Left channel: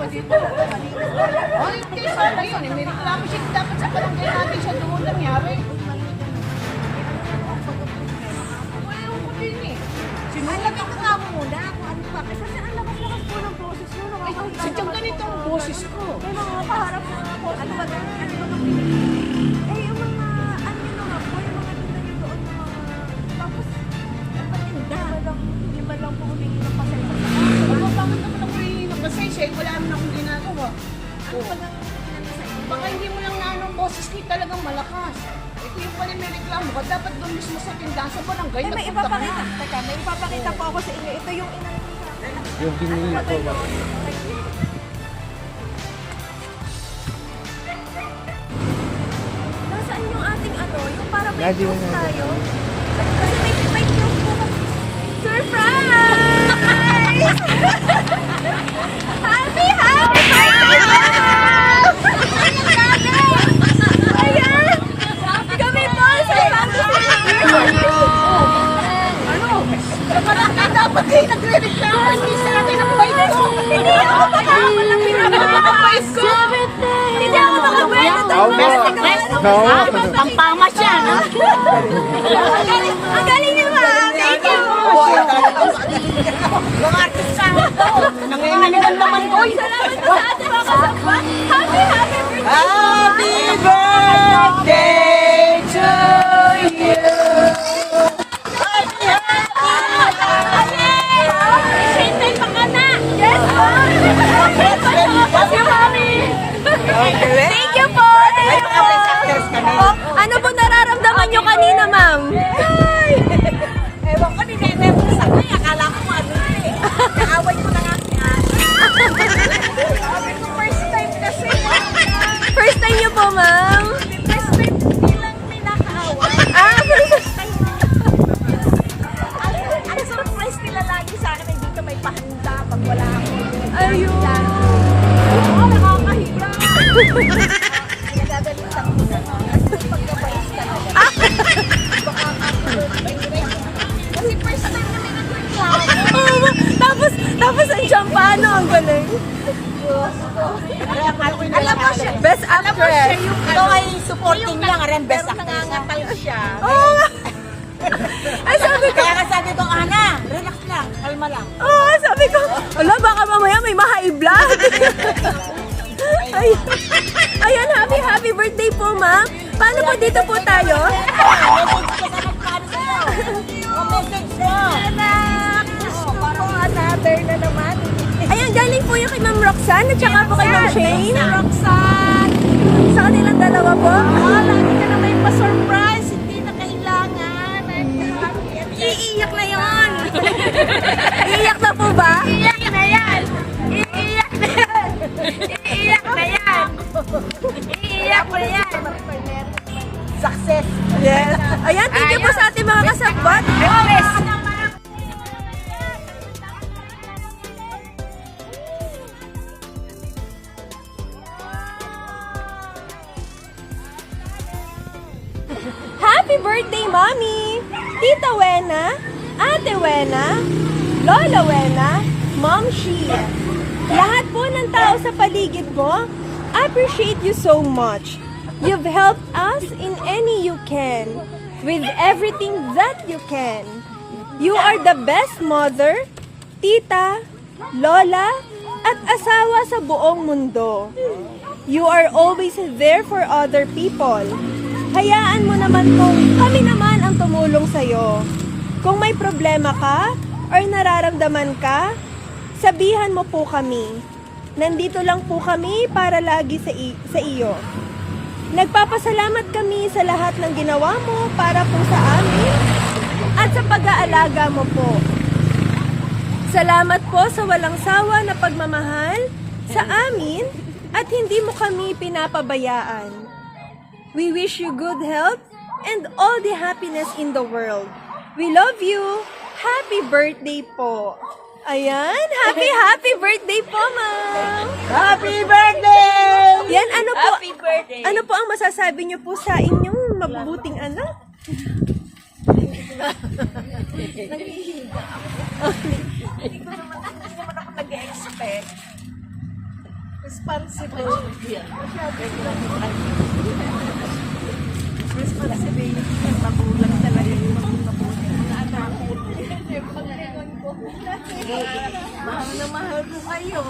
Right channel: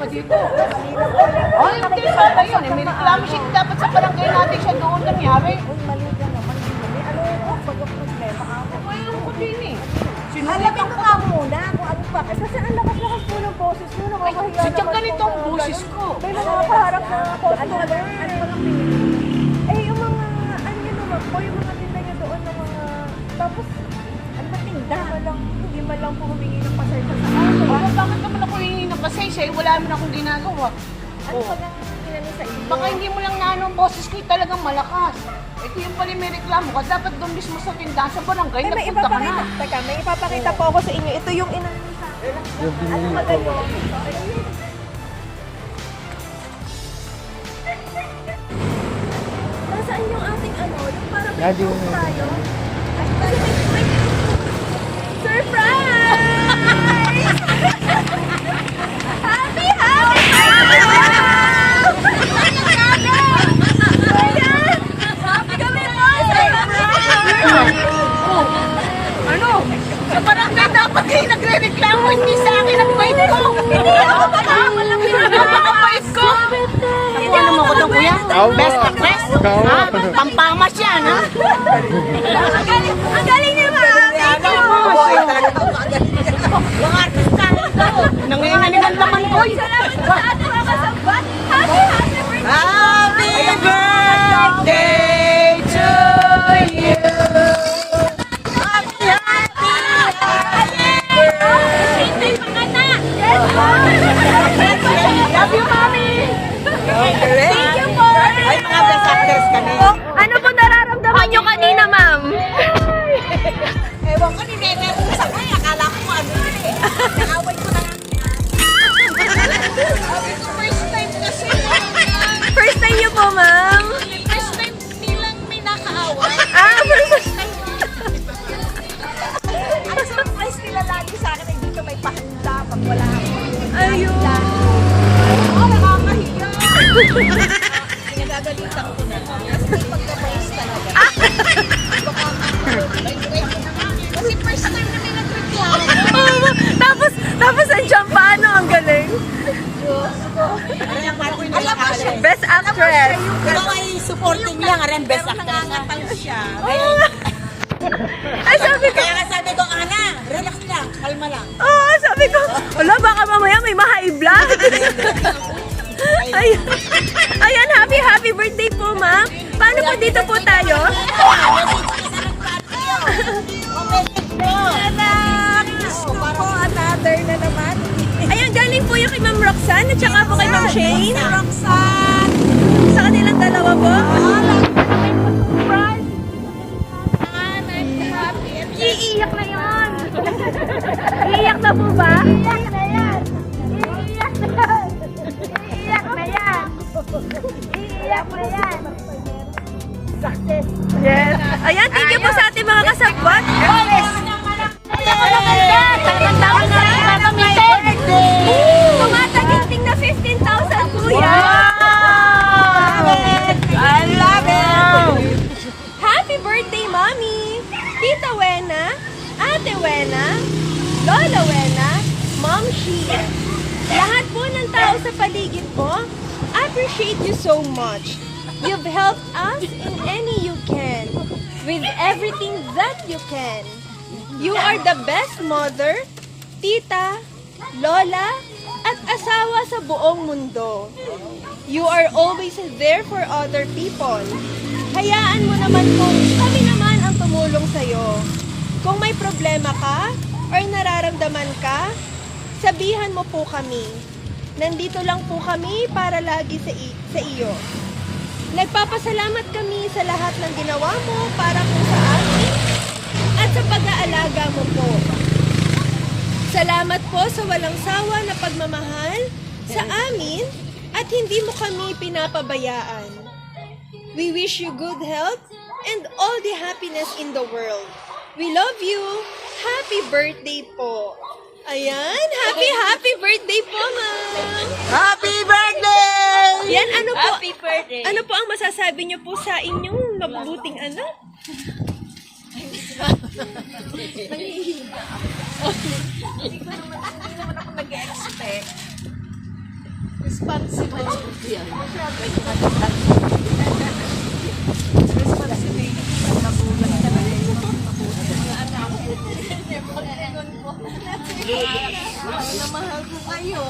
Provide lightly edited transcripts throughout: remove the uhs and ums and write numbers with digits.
pa dito. Ay, hindi sa yun. May reklamo siya. Dapat sa barangay natin siya doon nangyari. Uy, mali ka naman. Mali. Ano yung pagka-problema ka? Ay, hindi ni. Alamin ko nga muna kung ano pa. Kasi ang lakas-lakas po ng boses mo. Nakakahiya. Sadyang ganito ang boses ko. Pero nakakaharap na ano ba lang eh, yung mga, ano yun naman po, yung mga tinda nyo doon ng mga, tapos, ang patinda. Hindi man lang po humingi ng pasay. Bakit naman ako yung pasensya? Wala naman akong ginagawa. Ano pa lang pinano sa inyo? Baka hindi mo lang na ang boses ko talagang malakas. Eh kung yung pala may reklamo ka, dapat doon mismo sa tindahan sa barangay, Ay, may nagpunta ka na. ipapakita. Teka, may ipapakita po ako sa inyo. Ito yung inano sa akin. Yung binili Ano ba ko. yun? Nasaan yung ating ano? Yung parang may Lagi fruit yun, tayo? Kasi may fruit po. Surprise! Happy, happy! Happy kami po! Ano? Sa barangay dapat kayo nagre-reklamo hindi sa akin ang bait ko. Hindi ako makakawala Pinapakabait ko. Hindi ako makakawala. Tama. Tama. Pampamas yan, ha? Ang galing niyo ma! Thank you! Yung artista. Nanginganinan naman ko. Salamat po sa ating mga kasabot! Happy, happy birthday! Happy birthday to you. Love you, Mami! Thank you po! Ano po nararamdaman niyo kanina, ma'am? Ewan ko, ninenervous ako eh. Akala ko ano yun eh. Naaway ko na nga yan. Sabi ko, first time kasi. First time niyo po, ma'am? First time nilang may nakaaway. First time. Ang surprise nila lagi sa akin ay dito may pahanda pag wala ako. Ayun. Oo, nakakahiya. Pinagagalitan ko na nga. Kasi may pagkabayos talaga. Baka kasi first time na may nag-reklamo. Tapos nandiyan pa, ano, ang galing. Alam mo siya. Best actress. Ikaw ay supporting niya nga rin best actress. Siya. Oh, ay, sabi ko, Kaya sabi ko, Ana, relax lang, kalma lang. sabi ko, wala, baka mamaya may ma-high blood. Ayan. Ayan, happy birthday po, ma'am. Paano po dito po tayo? Anak, gusto po, another na naman. Ayan, galing po yung kay Ma'am Roxanne at saka po kay Ma'am Shane. Roxanne! Sa kanilang dalawa po. Lagi ka na may pa-surprise, hindi na kailangan. I'm happy. Iiyak na yun. Iiyak na po ba? Iiyak na yan! Iiyak na yan! Iiyak na yan! Iiyak na yan! Success! Yes. Ayan, thank you po sa ating mga kasabot. Yes! Taon na rin kakamitin! Tumataginting na 15,000 po yan. I love it! Happy birthday, Mommy! Tita Wena, Ate Wena, Lola Wena, Mom Shi. Lahat po ng tao sa paligid mo, appreciate you so much. You've helped us in any you can, with everything that you can. You are the best mother, tita, lola, at asawa sa buong mundo. You are always there for other people. Hayaan mo naman kung kami naman ang tumulong sa'yo. Kung may problema ka or nararamdaman ka, sabihan mo po kami. Nandito lang po kami para lagi sa iyo. Nagpapasalamat kami sa lahat ng ginawa mo para po sa amin at sa pag-aalaga mo po. Salamat po sa walang sawa na pagmamahal sa amin at hindi mo kami pinapabayaan. We wish you good health and all the happiness in the world. We love you. Happy birthday po. Ayan, happy birthday po, ma'am. Happy birthday! Yan, ano po? Happy birthday! Ano po ang masasabi niyo po sa inyong mabubuting anak? Hindi naman ako nag-expect. Responsible. Responsibility ng magulang talaga yung mga anak. Mahal na mahal mo kayo.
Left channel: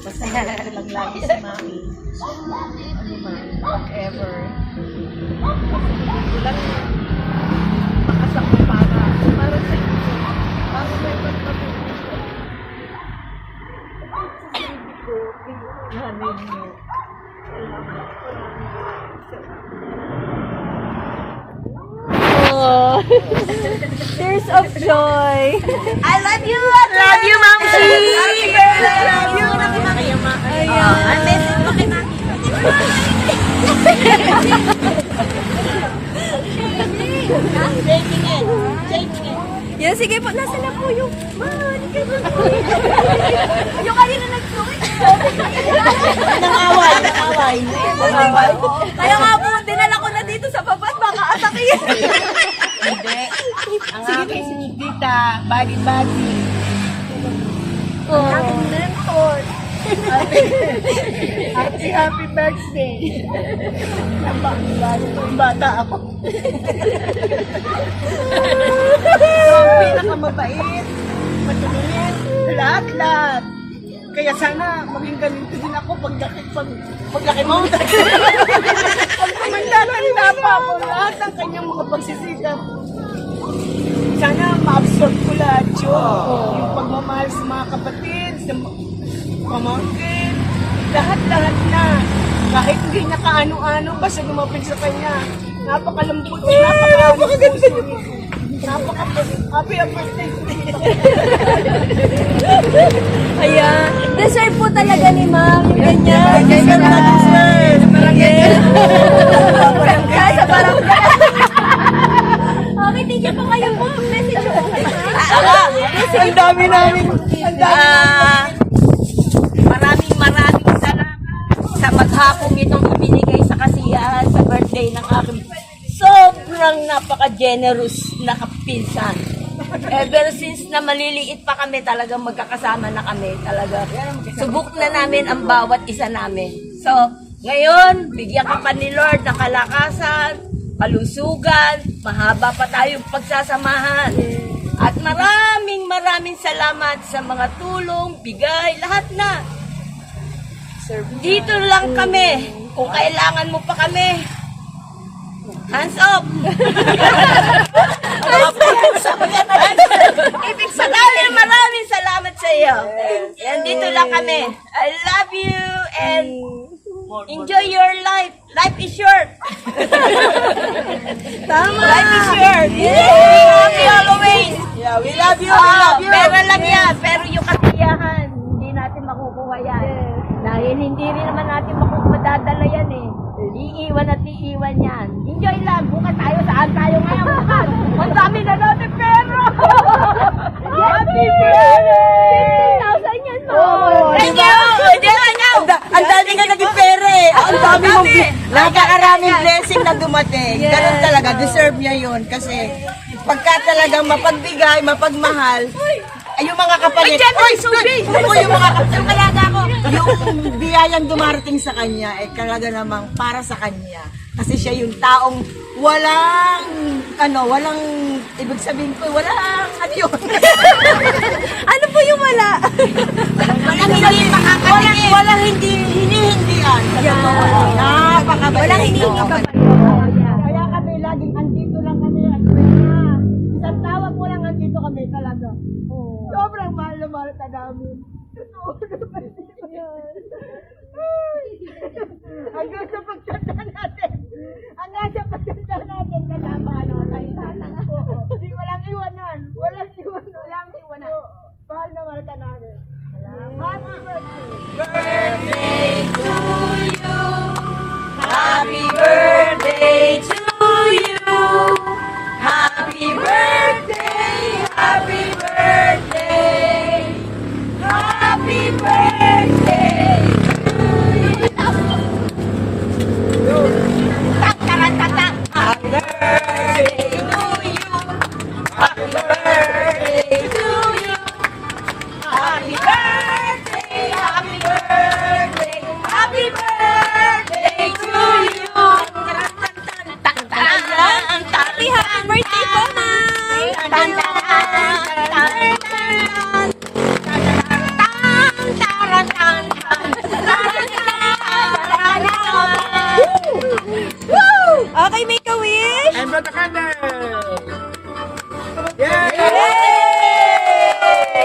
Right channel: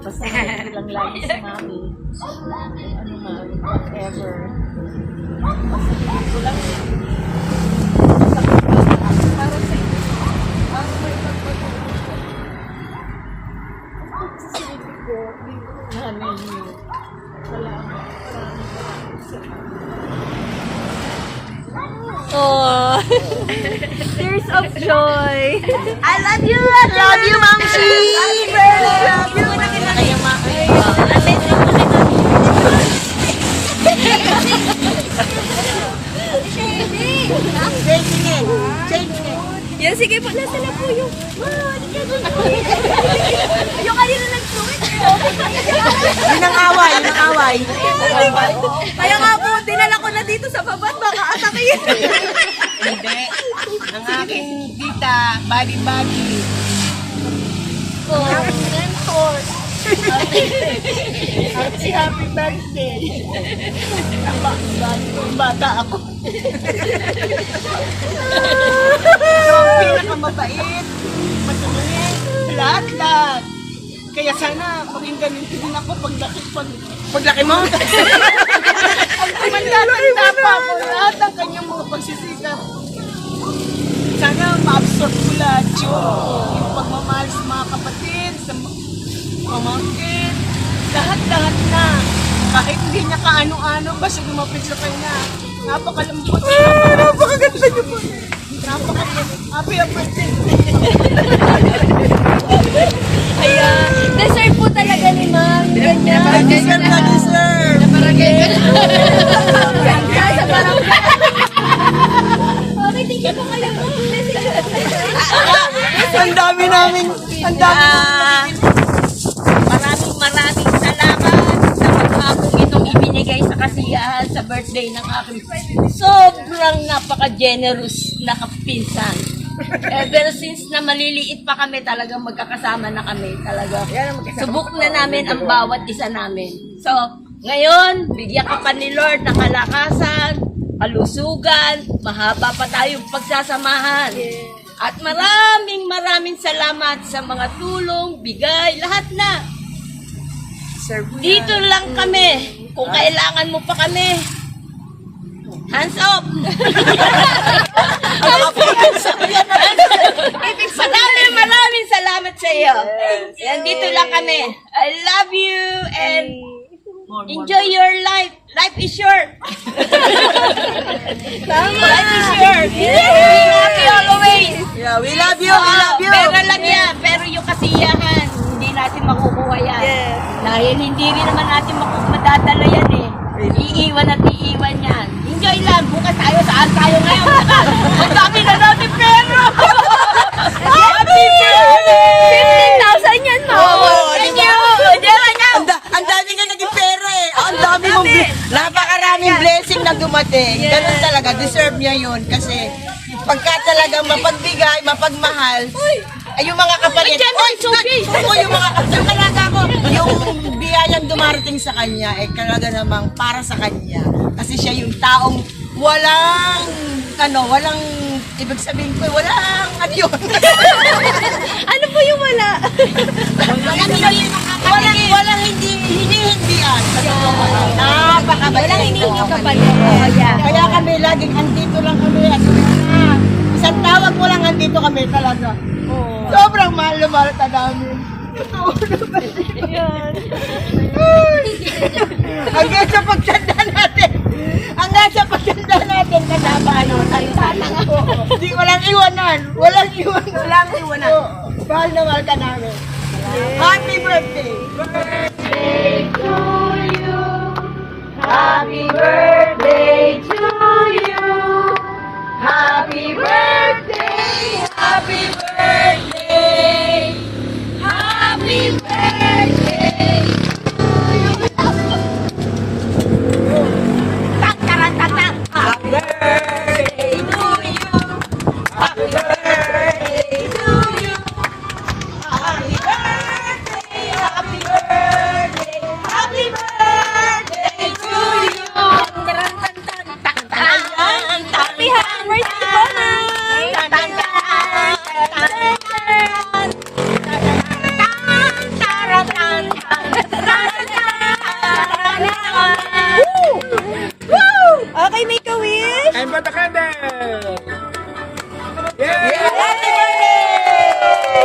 Basta hindi lang lagi si Mami. Ano man, whatever. Basta hindi lang masakit para sa inyo. Para may magpapagod. Sa silbi ko, namin niyo. Maraming salamat. Oh, tears of joy. I love you, Mamsi! Love you. Yan, sige po, nasa na po yung... yung kanina nagsuwit. Yun ang away, yun ang away. Kaya nga po, dinala ko na dito sa babat, baka atakin. Hindi. Ang aking tita, bali-bali. Ang aking mentor. At si happy birthday. Bata ako. So, ang pinakamabait, matulungin, lahat-lahat. Kaya sana maging ganito din ako paglaki mo. Pag tumanda pa ako, lahat ng kanyang mga pagsisikap. Sana ma-absorb ko lahat yun. Yung pagmamahal sa mga kapatid, sa pamangkin, lahat-lahat na. Kahit hindi niya kaano-ano, basta lumapit sa kanya. Napakalambot, napakaganda niyo po. Napakaganda. Happy birthday. Ayan, deserve po talaga ni Ma'am. Ganyan. Deserve na deserve. Barangay ka na. Sa barangay. Okay, thank you po kayo po. Ang dami namin. Ang dami namin. Maraming salamat sa maghapong itong ibinigay sa kasiyahan sa birthday ng aking sobrang napaka-generous na kapinsan. Ever since na maliliit pa kami, talagang magkakasama na kami. Talaga, subok na namin ang bawat isa namin. So, ngayon, bigyan ka pa ni Lord ng kalakasan, kalusugan, mahaba pa tayong pagsasamahan. At maraming salamat sa mga tulong, bigay, lahat na. Dito lang kami. Kung kailangan mo pa kami, hands up! Ibig sabihin, Maraming salamat sa iyo. Yan, dito lang kami. I love you and enjoy your life. Life is short. Life is short. We love you always. Yeah, we love you. We love you. Pero lang yan. Pero yung kasiyahan, hindi natin makukuha yan. Dahil hindi rin naman natin madadala yan eh. Iiwan at iiwan yan. Enjoy lang. Bukas tayo. Saan tayo ngayon? Bukas. Ang dami na natin pero. Happy birthday! 15,000 yan, Ma'am. Oh, Thank diba? you. Ang dami nga naging pera eh. Ang dami mong napakaraming blessing na dumating. Ganun talaga, deserve niya yun. Kasi pagka talagang mapagbigay, mapagmahal, ay yung mga kapalit. Yung mga kapalit. Talaga ako. Yung biyayang dumarating sa kanya, ay talaga namang para sa kanya. Kasi siya yung taong walang, ibig sabihin ko, walang, ano yun? Ano po yung wala? Walang hinihindihan. Sa totoo lang. Napakabait. Walang hinihingi ka pa Kaya kami laging andito lang kami. At isang tawag mo lang andito kami talaga. Sobrang mahal na mahal ka namin. Totoo naman. Hanggang sa pagtanda natin. Kasama tayo sana nga. Hindi, walang iwanan. Walang iwanan. Mahal na mahal ka namin. Happy birthday! Happy birthday to you. Happy birthday. Happy birthday. Happy birthday. Tang-tarang-tang-tang. Happy birthday to you. Happy birthday to you.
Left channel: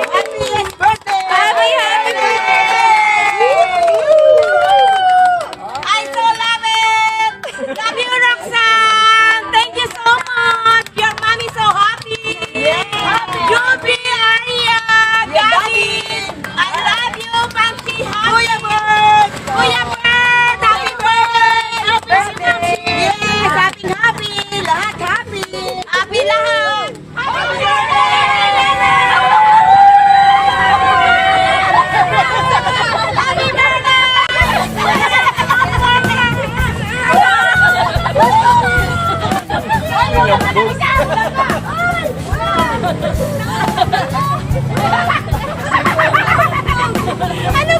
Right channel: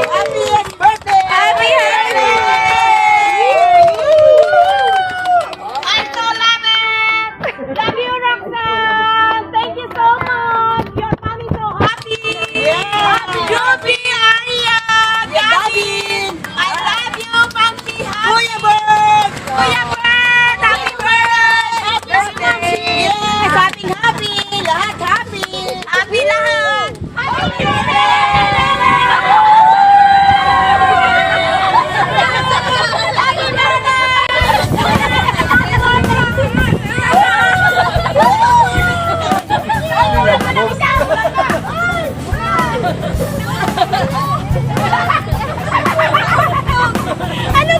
Happiest birthday! Happy holidays! I so love it! Love you, Roxanne! Thank you so much! Your mommy so happy! Juby, Aria, Daddy! I love you, Mamsi! Kuya Bird! Kuya Bird! Happy birthday! Yes! Happy! Lahat happy! Happy lahat! Happy Ano